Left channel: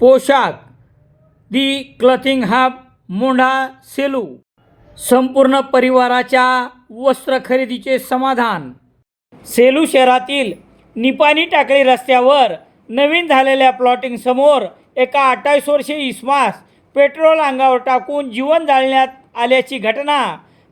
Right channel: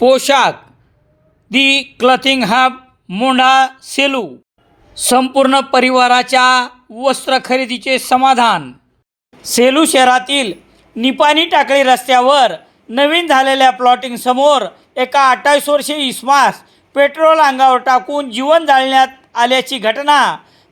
पोशाख. The clothing hub Mondha Selu. संपूर्ण परिवाराच्या वस्त्र खरेदीचे समाधान. सेलू शहरातील निपाणी टाकळी रस्त्यावर नवीन झालेल्या प्लॉटिंग समोर एका अठ्ठावीस वर्षीय इस्मास पेट्रोल अंगावर टाकून जीवन जाळण्यात आल्याची घटना.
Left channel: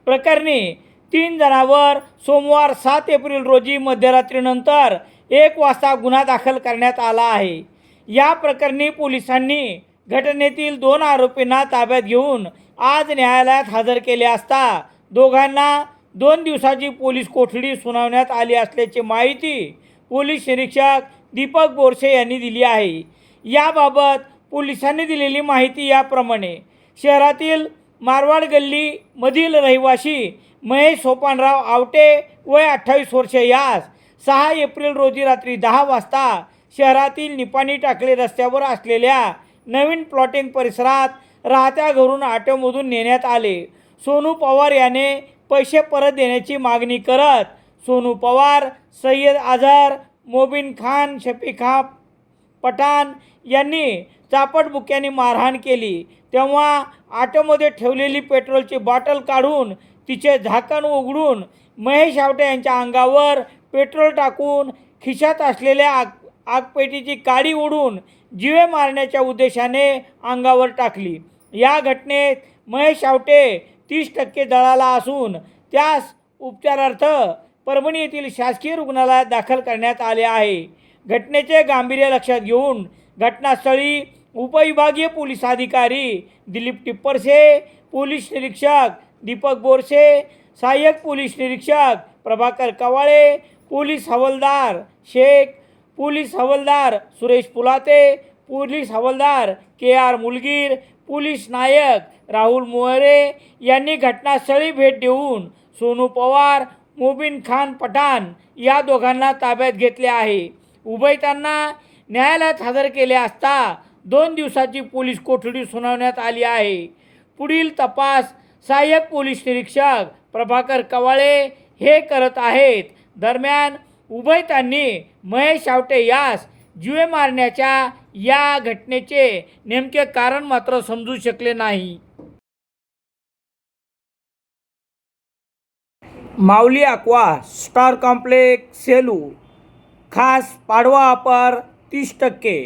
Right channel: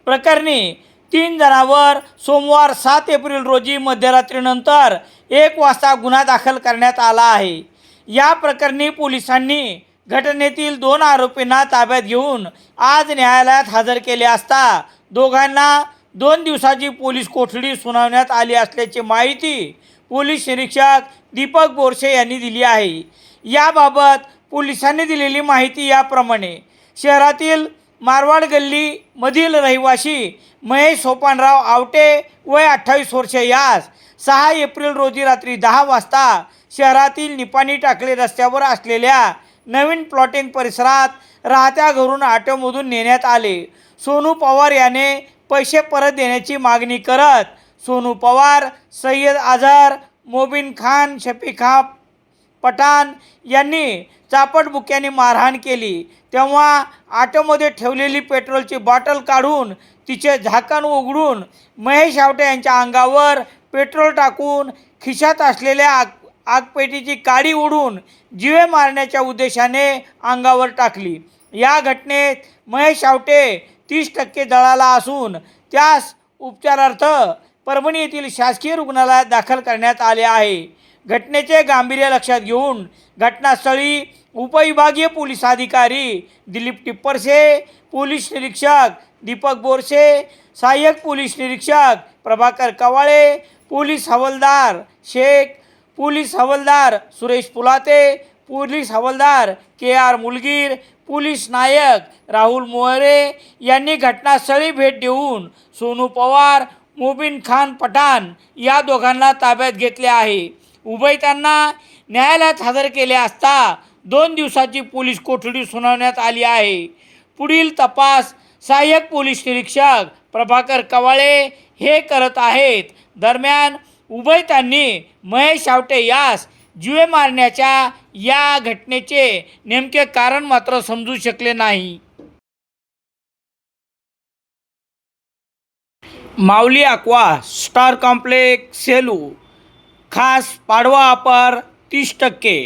प्रकरणी तीन जणांवर सोमवार सात एप्रिल रोजी मध्यरात्रीनंतर एक वाजता गुन्हा दाखल करण्यात आला आहे. या प्रकरणी पोलिसांनी घटनेतील दोन आरोपींना ताब्यात घेऊन आज न्यायालयात हजर केले असता दोघांना दोन दिवसाची पोलीस कोठडी सुनावण्यात आली असल्याची माहिती पोलीस निरीक्षक दीपक बोरसे यांनी दिली आहे. याबाबत पोलिसांनी दिलेली माहिती याप्रमाणे शहरातील मारवाड गल्लीमधील रहिवासी महेश सोपानराव आवटे वय अठ्ठावीस वर्षे यास सहा एप्रिल रोजी रात्री दहा वाजता शहरातील निपाणी टाकले रस्त्यावर असलेल्या नवीन प्लॉटिंग परिसरात राहत्या घरून ऑटोमधून नेण्यात आले. सोनू पवार याने पैसे परत देण्याची मागणी करत सोनू पवार सय्यद आझार मोबिन खान शफिखा पठाण यांनी चापटबुक्याने मारहाण केली. तेव्हा ऑटोमध्ये ठेवलेली पेट्रोलची बॉटल काढून तिचे झाकण उघडून महेश आवटे यांच्या अंगावर पेट्रोल टाकून खिशात असलेल्या आगपेटीची काडी उडून जिवे मारण्याच्या उद्देशाने अंगावर टाकली. या घटनेत महेश आवटे तीस टक्के दळाला असून त्यास उपचारार्थ परभणी येथील शासकीय रुग्णालयात दाखल करण्यात आले आहे. घटनेचे गांभीर्य लक्षात घेऊन घटनास्थळी उपविभागीय पोलीस अधिकारी दिलीप टिप्परसे पोलीस निरीक्षक दीपक बोरसे सहाय्यक पोलीस निरीक्षक प्रभाकर कवाळे पोलीस हवालदार शेख पोलीस हवालदार सुरेश पुलाते पोलीस हवालदार के आर मुलगीर पोलीस नायक राहुल मोहरे यांनी घटनास्थळी भेट देऊन सोनू पवार मोबिन खान पठाण या दोघांना ताब्यात घेतले आहे. उभयतांना न्यायालयात हजर केले असता दोन दिवसाची पोलीस कोठडी सुनावण्यात आली आहे. पुढील तपास सहाय्यक पोलीस निरीक्षक प्रभाकर कवाळे हे करत आहेत. दरम्यान उभयतांनी महेश आवटे यास जीवे मारण्याच्या या घटनेचे नेमके कारण मात्र समजू शकले नाही. Mauli aqua star complex Selu खास पाडवा अपर तीस टक्के.